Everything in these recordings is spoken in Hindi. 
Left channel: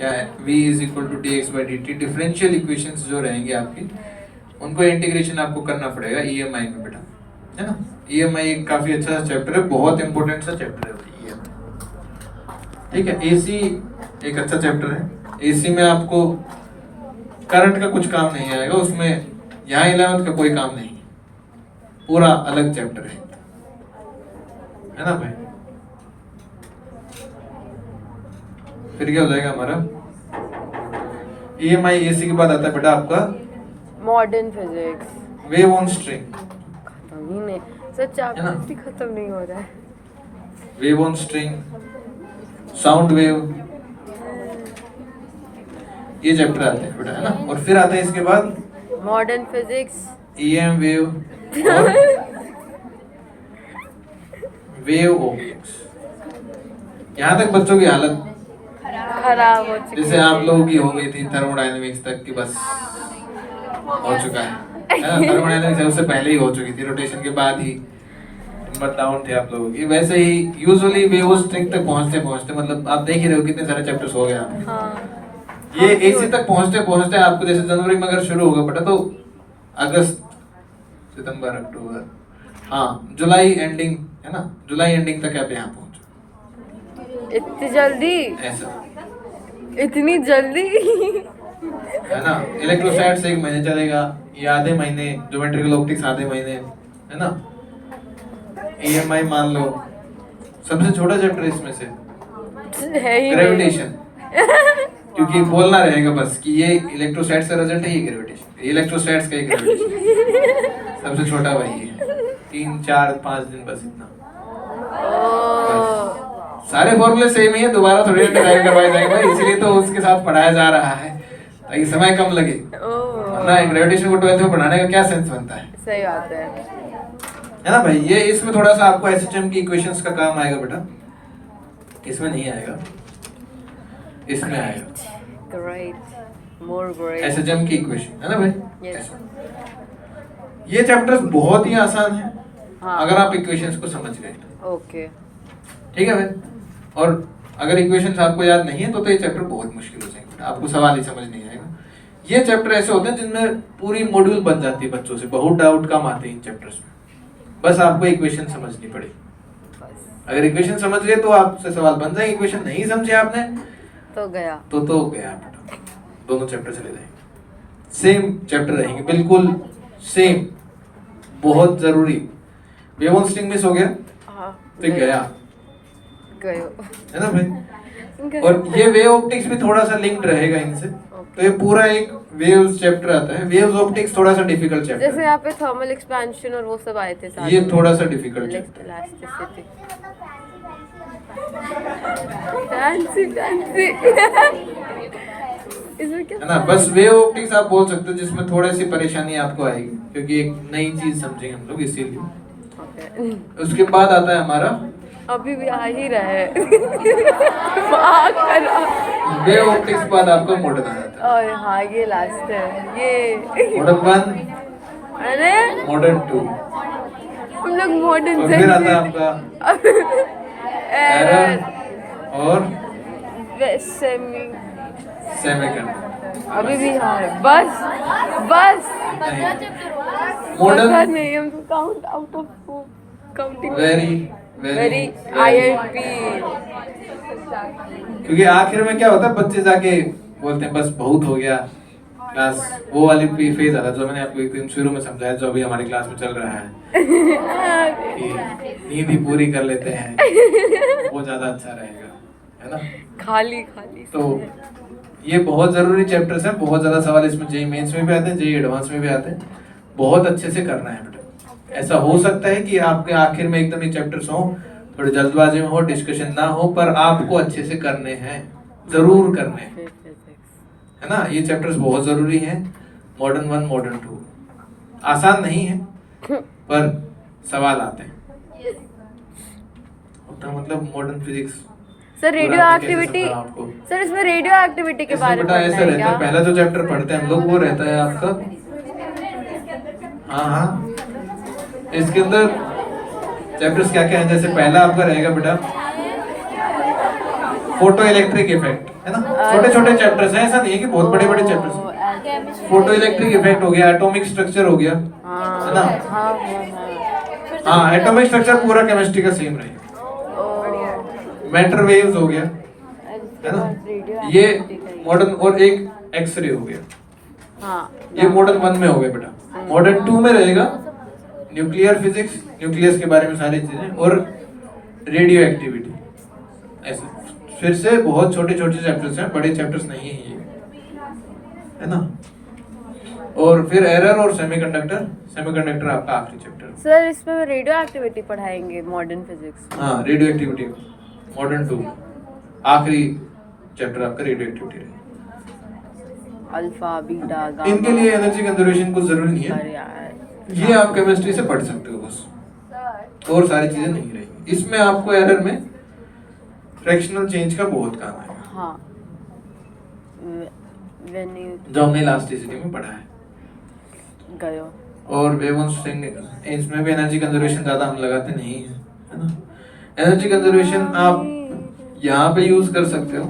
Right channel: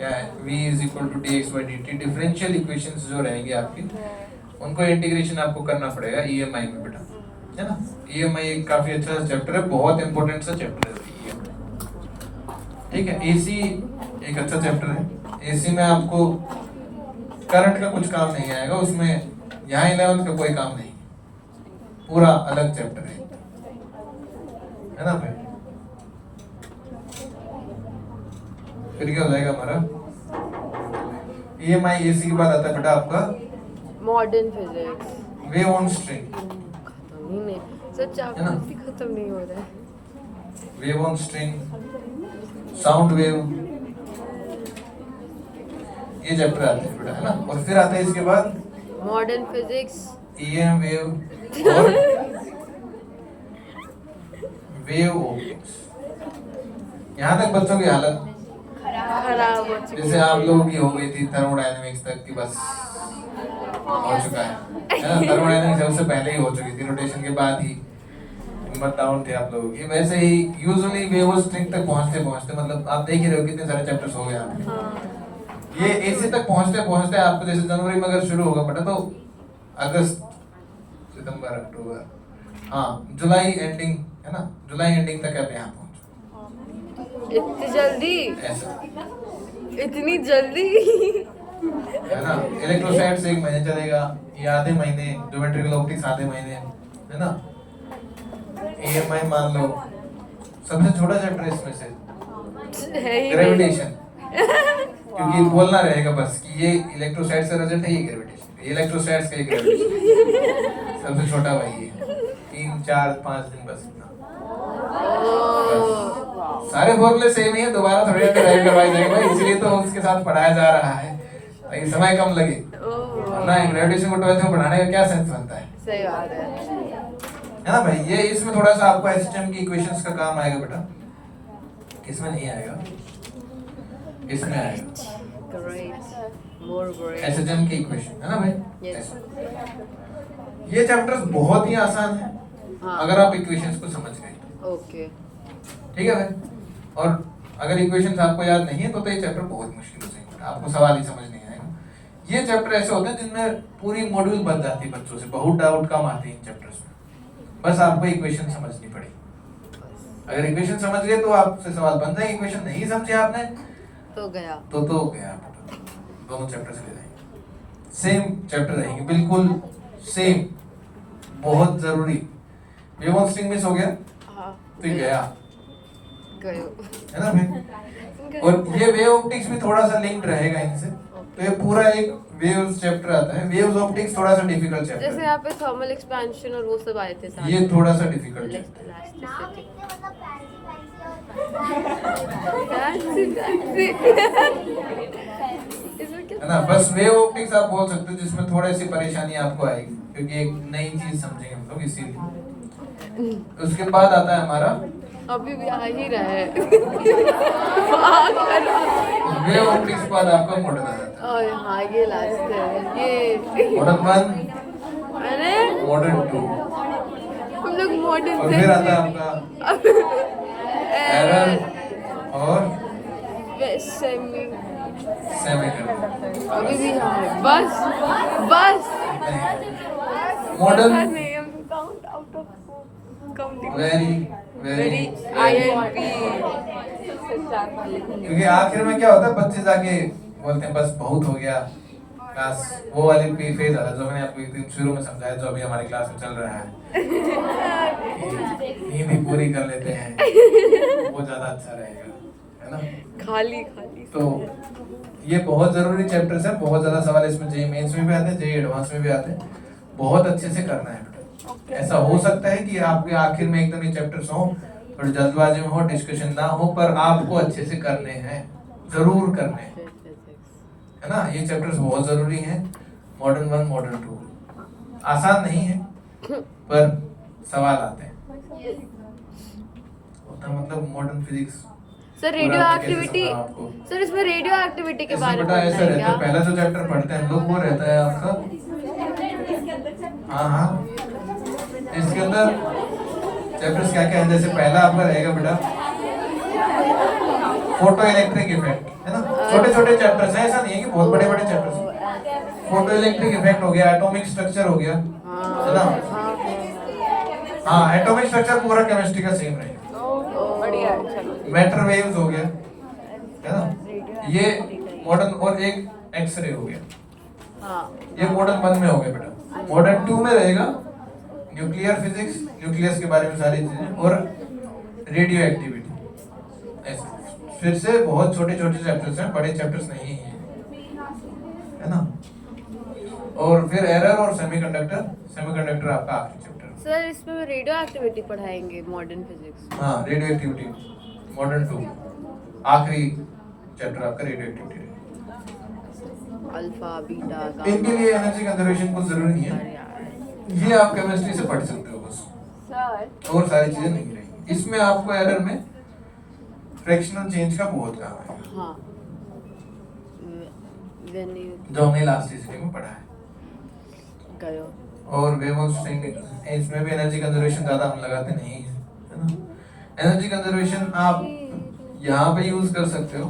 क्या है v is equal to d x by d t. Differential equations जो रहेंगे आपकी उनको इंटीग्रेशन आपको करना पड़ेगा ईएमआई में बेटा, है ना। ईएमआई एक काफी अच्छा चैप्टर है, बहुत इंपॉर्टेंट सा चैप्टर है EMI। ठीक है। एसी एक अच्छा चैप्टर है। एसी में आपको करंट का कुछ काम नहीं आएगा उसमें, यहाँ 11th का कोई काम नहीं, पूरा अलग चैप्टर है ना भाई। फिर क्या हो जाएगा हमारा ईएमआई। एसी के बाद आता है बेटा आपका modern physics, wave on string, खत्म ही नहीं, सच है ना। भी खत्म नहीं हो रहा है। Wave on string, sound wave, ये चैप्टर आते हैं बेटा, है ना। और फिर आता है इसके बाद मॉडर्न फिजिक्स, ईएम वेव और वेव ऑप्टिक्स। यहाँ तक बच्चों की हालत खराब हो चुकी जैसे आप लोगों की हो गई थी थर्मोडायनेमिक्स तक की, बस हो चुका है ना। थर्मोडायनेमिक्स सबसे पहले ही हो चुकी थी, रोटेशन के बाद ही नंबर डाउन थे आप लोगों की। वैसे ही यूजुअली वेव स्ट्रिंग तक पहुंचते पहुंचते मतलब आप देख ही रहे हो कितने सारे चैप्टर्स हो गए आपके। हाँ। ये एसी तक पहुंचते पहुंचते आपको जैसे जनवरी में अगर शुरू होगा बेटा तो अगस्त, सितंबर, अक्टूबर, हाँ जुलाई एंडिंग, है ना। जुलाई एंडिंग तक आप यहाँ पहुंचो। इतनी जल्दी, ऐसा इतनी जल्दी है ना। इलेक्ट्रोस्टैट्स एक महीने चलेगा, ये आधे महीने, ज्योमेट्रिकल ऑप्टिक्स आधे महीने, है ना। ईएमआई मान लो सबसे छोटा चैप्टर इसमें से है ही ग्रेविटेशन, क्योंकि बोलना रहेगा बस कि ये इलेक्ट्रोस्टैट्स का रिजल्ट है, ये ग्रेविटेशन, इलेक्ट्रोस्टैट्स का ये ग्रेविटेशन सबसे छोटा भाई है। 3 4 5 दिन बस इतना। सारे फॉर्मूले सेम ही है, दोबारा थोड़ी ड्राइव करवाए जाएंगे भाई, इसलिए तो उसके साथ पढ़ाया जा रहा है ताकि समय कम लगे, वरना ग्रेविटेशन को 12th में पढ़ाने का क्या सेंस बनता है। सही बात है ना भाई। ये इसमें थोड़ा सा आपको एसएचएम की इक्वेशंस का काम आएगा बेटा, इसमें नहीं आएगा, इसमें आएगा ग्रेट, मोर ग्रेट। एसएचएम की इक्वेशन, है ना भाई। Yes. ऐसा। ये चैप्टर्स बहुत ही आसान है हाँ। अगर आप इक्वेशंस को समझ गए। ओके, ठीक है भाई। और अगर इक्वेशंस आपको याद नहीं है तो ये चैप्टर बहुत मुश्किल हो जाएगा, आपको सवाल ही समझ नहीं आएगा। ये चैप्टर ऐसे होते हैं जिनमें पूरी मॉड्यूल बन जाती है बच्चों से, बहुत डाउट कम आते हैं इन चैप्टर्स में, बस आपको इक्वेशन समझनी पड़ेगी। अगर इक्वेशन समझ गए तो आपसे सवाल बन जाएंगे, इक्वेशन नहीं समझे आपने तो गया, तो गया बेटा। दोनों चैप्टर चले जाएंगे, सेम चैप्टर रहेंगे बिल्कुल सेम, बहुत जरूरी। वेव ऑन स्ट्रिंग मिस हो गया, हाँ फिर गया, गयो, है ना भाई। और ये वेव ऑप्टिक्स भी थोड़ा सा लिंक्ड रहेगा इनसे, तो ये पूरा एक वेव्स चैप्टर आता है। वेव्स ऑप्टिक्स थोड़ा सा डिफिकल्ट चैप्टर जैसे यहाँ पे थर्मल एक्सपेंशन और वो सब आए थे साथ ये में। थोड़ा सा difficult chapter elasticity, fancy fancy इसमें क्या है ना। बस वेव ऑप्टिक्स आप बोल सकते हो जिसमें थोड़ी सी परेशानी आपको आएगी, क्योंकि एक नई चीज समझेंगे हम लोग इसीलिए। उसके बाद आता है हमारा अभी भी आ ही रहे वेव ऑप्टिक्स के बाद आपका मॉडर्न आ जाता और हाँ ये लास्ट है ये है मॉडर्न 1, अरे मॉडर्न 2, हम लोग मॉडर्न और फिर आता है आपका एरर और सेमीकंडक्टर। अभी भी हाँ है, बस बस मॉडर्न नहीं, हम count out of counting very very INP। क्योंकि आखिर में क्या होता है, बच्चे जाके बोलते हैं बस बहुत हो गया क्लास, वो वाली भी फेज आता है जो मैंने आपको एक दिन शुरू में समझाया, जो अभी हमारी क्लास में चल रहा है कि नींद ही पूरी कर लेते हैं वो ज्यादा अच्छा रहेगा, है ना। खाली खाली तो ये बहुत जरूरी चैप्टर्स हैं, बहुत ज्यादा सवाल इसमें जेईई मेंस में भी आते हैं, जेईई एडवांस में भी आते हैं, बहुत अच्छे से करना है बेटा। ऐसा हो सकता है कि आपके आखिर में एकदम ये चैप्टर्स हो, थोड़ी जल्दबाजी में हो, डिस्कशन ना हो, पर आपको अच्छे से करने हैं, जरूर करने हैं, है ना। ये चैप्टर्स बहुत जरूरी हैं, मॉडर्न 1, मॉडर्न 2 आसान नहीं है पर सवाल आते हैं, उतना मतलब modern physics. Sir radio activity, sir इसमें रेडियो एक्टिविटी के बारे में ऐसा रहता है, पहला जो चैप्टर पढ़ते हैं हम लोग वो रहता है आपका, हाँ इसके अंदर चैप्टर्स क्या क्या है। जैसे पहला आपका रहेगा बेटा फोटो इलेक्ट्रिक इफेक्ट, है ना, छोटे छोटे चैप्टर्स हैं, ऐसा नहीं है कि बहुत बड़े बड़े चैप्टर्स हैं। फोटो इलेक्ट्रिक इफेक्ट हो गया, एटॉमिक स्ट्रक्चर हो गया, है ना। हाँ, एटॉमिक स्ट्रक्चर पूरा केमिस्ट्री का सेम रहेगा। मैटर वेव्स हो गया, है ना, ये मॉडर्न, और एक एक्सरे हो गया, ये मॉडर्न 1 में हो गया बेटा। मॉडर्न 2 में रहेगा न्यूक्लियर फिजिक्स, न्यूक्लियस के बारे में सारी चीजें, और रेडियो एक्टिविटी। ऐसे फिर से बहुत छोटे छोटे चैप्टर्स हैं, बड़े चैप्टर्स नहीं है ये, है ना। और फिर एरर और सेमीकंडक्टर, सेमीकंडक्टर आपका आखिरी चैप्टर है। सर इसमें रेडियो एक्टिविटी पढ़ाएंगे मॉडर्न फिजिक्स। हाँ, रेडियो एक्टिविटी मॉडर्न 2 आखिरी चैप्टर आपका रेडियो एक्टिविटी है। Alpha beta gamma. इनके लिए एनर्जी कंजर्वेशन कुछ जरूरी नहीं है, ये आप केमिस्ट्री से पढ़ सकते हो बस, और सारी चीजें नहीं रहेंगी इसमें। आपको एरर में फ्रैक्शनल चेंज का बहुत काम है, हाँ, जो हमने इलास्टिसिटी में पढ़ा है। गयो और वेवलेंथ इसमें भी एनर्जी कंजर्वेशन ज्यादा हम लगाते नहीं है, है ना। एनर्जी कंजर्वेशन आप यहाँ पे यूज कर सकते हो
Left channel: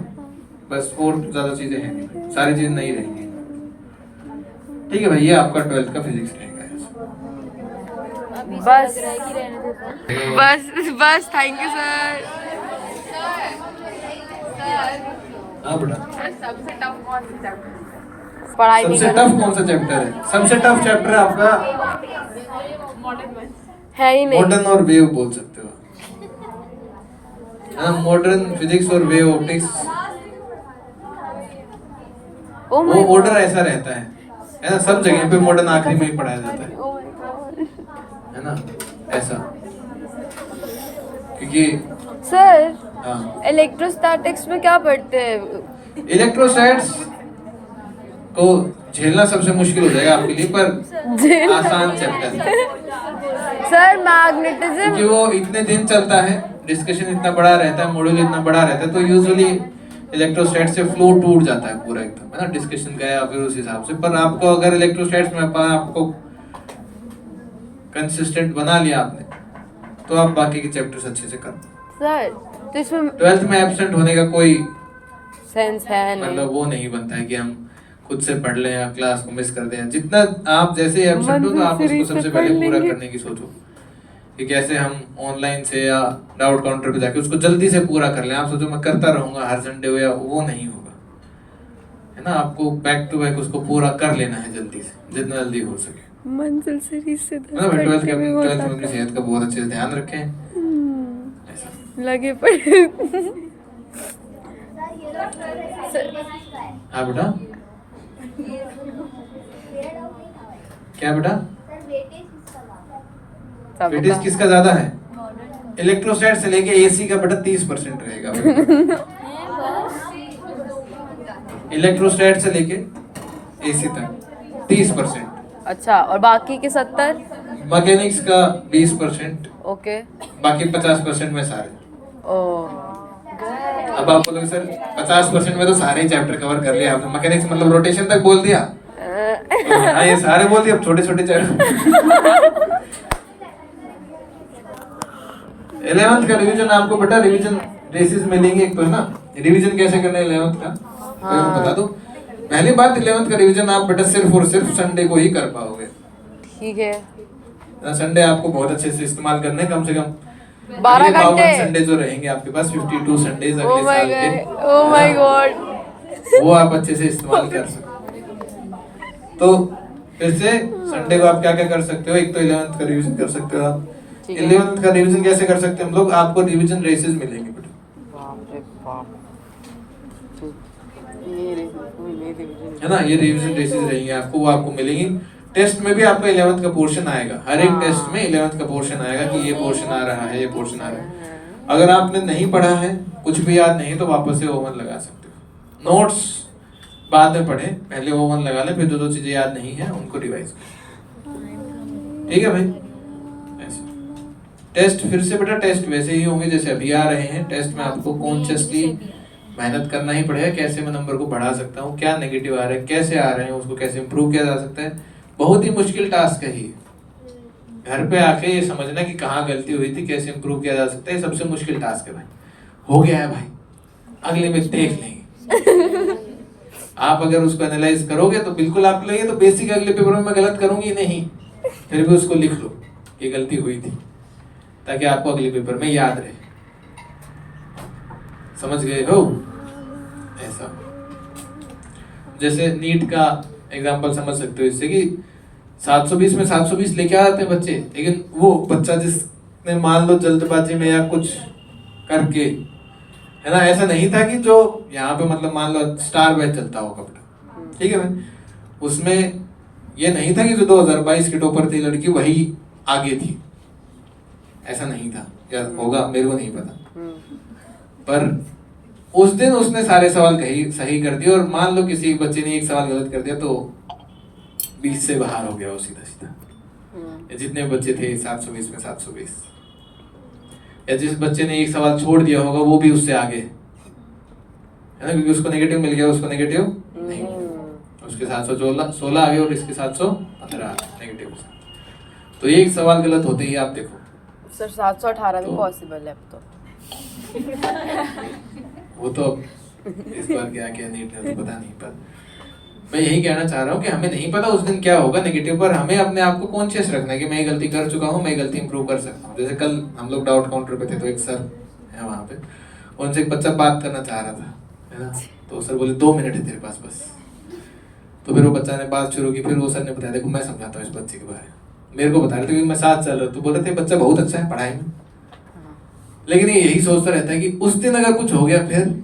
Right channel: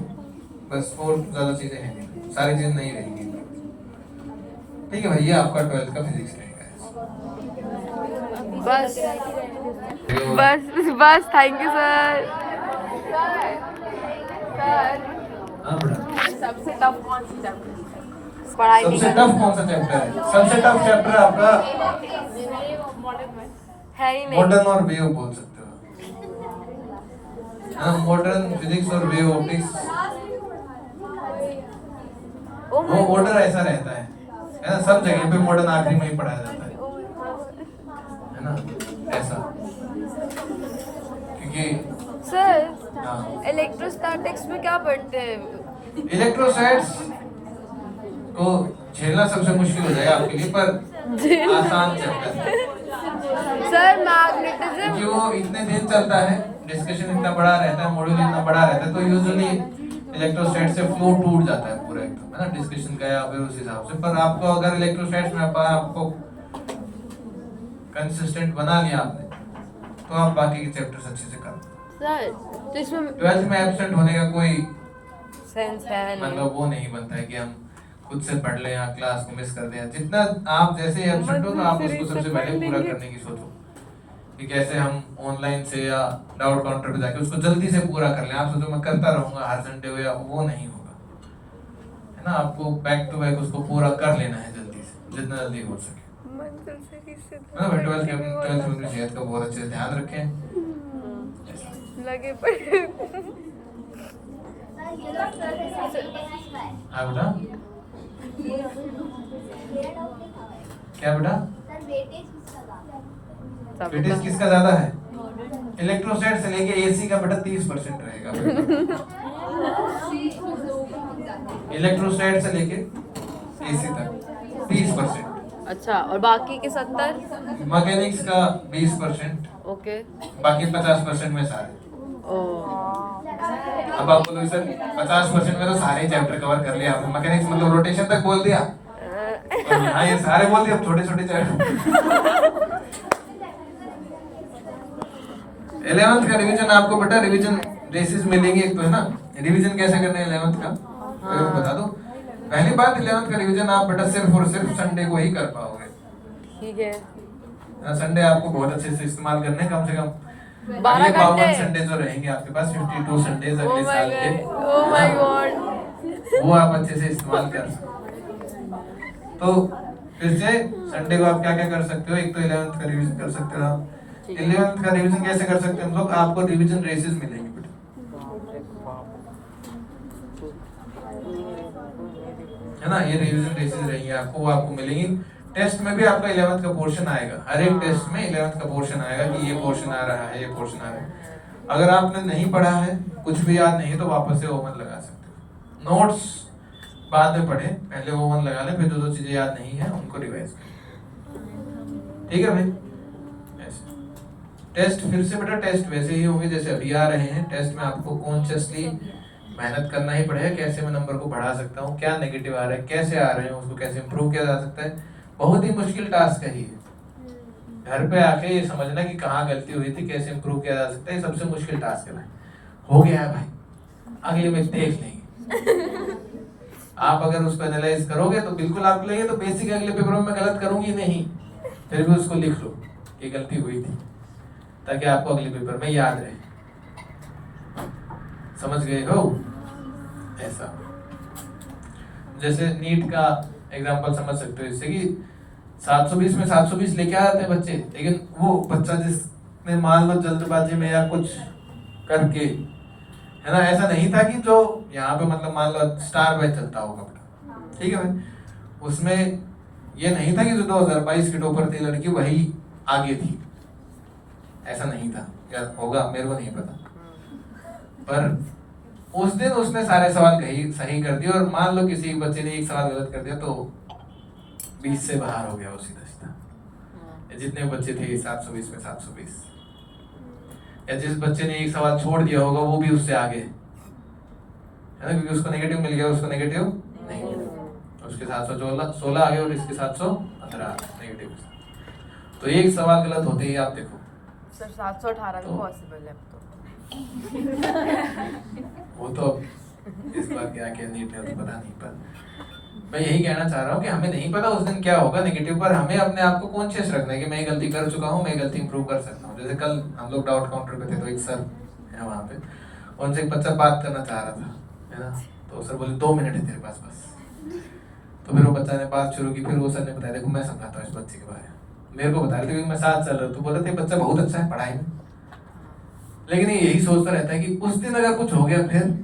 बस, और ज्यादा चीजें हैं, सारी चीजें नहीं रहेंगी। ठीक है भाई, ये आपका 12th का फिजिक्स रहेगा। बस बस बस, थैंक यू सर। हाँ बेटा, सबसे टफ कौन सा चैप्टर? पढ़ाई सबसे टफ कौन सा चैप्टर है? सबसे टफ चैप्टर आपका है ही नहीं। मॉडर्न और वेव बोल सकते हो, हाँ, मॉडर्न फिजिक्स और वेव ऑप्टिक्स। वो ऑर्डर ऐसा रहता है ना, सब जगह पे मॉडर्न आखिरी में ही पढ़ाया जाता है ना, ऐसा। क्योंकि सर हाँ, इलेक्ट्रोस्टैटिक्स में क्या पढ़ते हैं? इलेक्ट्रोस्टैट्स को झेलना सबसे मुश्किल हो जाएगा आपके लिए, पर आसान चैप्टर है, सर मैग्नेटिज्म, क्योंकि वो इतने दिन चलता है, डिस्कशन इतना बड़ा रहता है, मॉड्यूल इतना बड़ा रहता है, तो यूजुअली इलेक्ट्रोस्टैट से फ्लो टूट जाता है पूरा एकदम, है ना, डिस्कशन गया फिर उस हिसाब से। पर आपको अगर इलेक्ट्रोस्टैट्स में आपको कंसिस्टेंट बना लिया आपने, तो आप बाकी के चैप्टर्स अच्छे से कर। सर तो इसमें 12th में एब्सेंट होने का कोई सेंस है नहीं। मतलब वो नहीं बनता है कि हम खुद से पढ़ लें या क्लास को मिस कर दें। जितना आप जैसे ही एब्सेंट हो तो आप उसको सबसे पहले पूरा करने की सोचो, कि कैसे हम ऑनलाइन से या डाउट काउंटर पे जाके उसको जल्दी से पूरा कर लें। आप सोचो मैं करता रहूंगा हर संडे हो, या वो नहीं होगा, है ना। आपको बैक टू बैक उसको पूरा कर लेना है जल्दी से, जितना जल्दी हो सके। मंजिल सीरीज से ना 12th में अपनी सेहत का बहुत अच्छे से ध्यान रखें, लगे पड़े। हाँ बेटा, क्या बेटा, वेटेज किसका ज्यादा है? इलेक्ट्रोस्टैट से लेके एसी का बेटा 30% रहेगा। इलेक्ट्रोस्टैट से लेके एसी तक 30%। अच्छा, और बाकी के 70? मैकेनिक्स का 20%, ओके, बाकी 50% में सारे। ओ अब आप बोलोगे सर 50% में तो सारे चैप्टर कवर कर लिया आपने, मैकेनिक्स मतलब रोटेशन तक बोल दिया, हाँ ये सारे बोल दिए, अब छोटे छोटे चैप्टर। 11th का रिवीजन आपको बेटा, रिवीजन रेसिस मिलेंगे एक तो, है ना। रिवीजन कैसे करना है 11th का, तो मैं बता दूं। पहली बात, 11th का रिवीजन आप बेटा सिर्फ और सिर्फ संडे को ही कर पाओगे। ठीक है, संडे आपको बहुत अच्छे से इस्तेमाल करने हैं, कम से कम 12 घंटे संडे जो रहेंगे आपके पास, 52 संडेज ओ अगले माय साल के, गॉड, ओ माय गॉड। वो आप अच्छे से इस्तेमाल कर सकते। तो फिर से संडे को आप क्या क्या कर सकते हो? एक तो 11th का रिवीजन कर सकते हो आप। 11th का रिवीजन कैसे कर सकते हैं हम लोग? आपको रिवीजन रेसेस मिलेंगे बेटा, है ना, ये रिवीजन रेसेस रहेंगे आपको, वो आपको मिलेंगी। टेस्ट में भी आपका 11th का पोर्शन आएगा, हर एक टेस्ट में 11th का पोर्शन आएगा कि ये पोर्शन आ रहा है, ये पोर्शन आ रहा है। अगर आपने नहीं पढ़ा है, कुछ भी याद नहीं, तो वापस से ओवन लगा सकते हो। नोट्स बाद में पढ़े, पहले ओवन लगा लें, फिर जो चीजें याद नहीं है उनको रिवाइज करें। ठीक है भाई, ऐसे टेस्ट फिर से बेटा, टेस्ट वैसे ही होंगे जैसे अभी आ रहे हैं। टेस्ट में आपको कॉन्शियसली मेहनत करना ही पड़ेगा, कैसे मैं नंबर को बढ़ा सकता हूँ, क्या नेगेटिव आ रहे हैं, कैसे आ रहे हैं, उसको कैसे इंप्रूव किया जा सकता है। बहुत ही मुश्किल टास्क है ये, घर पे आके ये समझना कि कहाँ गलती हुई थी, कैसे इंप्रूव किया जा सकता है, सबसे मुश्किल टास्क है भाई। हो गया है भाई, अगले में देख लेंगे। आप अगर उसको एनालाइज करोगे तो बिल्कुल आप लगेगा तो बेसिक अगले पेपर में मैं गलत करूंगी नहीं, फिर भी उसको लिख लो ये गलती हुई थी, ताकि आपको अगले पेपर में याद रहे। समझ गए हो? ऐसा जैसे नीट का एग्जांपल समझ सकते हो इससे कि 720 में 720 लेके आ जाते हैं बच्चे, लेकिन वो बच्चा जिसने मान लो जल्दबाजी में या कुछ करके, है ना, ऐसा नहीं था कि जो यहाँ पे मतलब मान लो स्टार बैच चलता होगा बेटा, ठीक है भाई, उसमें ये नहीं था कि जो 2022 की टॉपर थी लड़की वही आगे थी, ऐसा नहीं था, या होगा मेरे को नहीं पता। पर उस दिन उसने सारे सवाल कही सही कर दिए, और मान लो किसी बच्चे ने एक सवाल गलत कर दिया तो 20 से बाहर हो गया वो सीधा सीधा। जितने बच्चे थे 720 में 720, या जिस बच्चे ने एक सवाल छोड़ दिया होगा वो भी उससे आगे, है ना, क्योंकि उसको नेगेटिव मिल गया, उसको नेगेटिव नहीं मिला, उसके 716 आ गए और इसके 715 नेगेटिव। तो एक सवाल गलत होते ही आप देखो सर 718 में तो- पॉसिबल है अब तो। वो तो इस बार क्या क्या नीट ने तो पता नहीं, पर मैं यही कहना चाह रहा हूँ कि हमें नहीं पता उस दिन क्या होगा नेगेटिव, पर हमें अपने आप को कॉन्शियस रखना है कि मैं ये गलती कर चुका हूँ, मैं गलती इंप्रूव कर सकता हूँ। जैसे कल हम लोग डाउट काउंटर पे थे तो एक सर है वहाँ पे, उनसे एक बच्चा बात करना चाह रहा था, है ना, तो सर बोले 2 मिनट है तेरे पास बस। तो फिर वो बच्चा ने बात शुरू की, फिर वो सर ने बताया देखो मैं समझाता हूँ इस बच्चे के बारे में, मेरे को बता रहे थे क्योंकि मैं साथ चल रहा हूँ, तो बोल रहे थे बच्चा बहुत अच्छा है पढ़ाई में, लेकिन ये यही सोचता रहता है कि उस दिन अगर कुछ हो गया फिर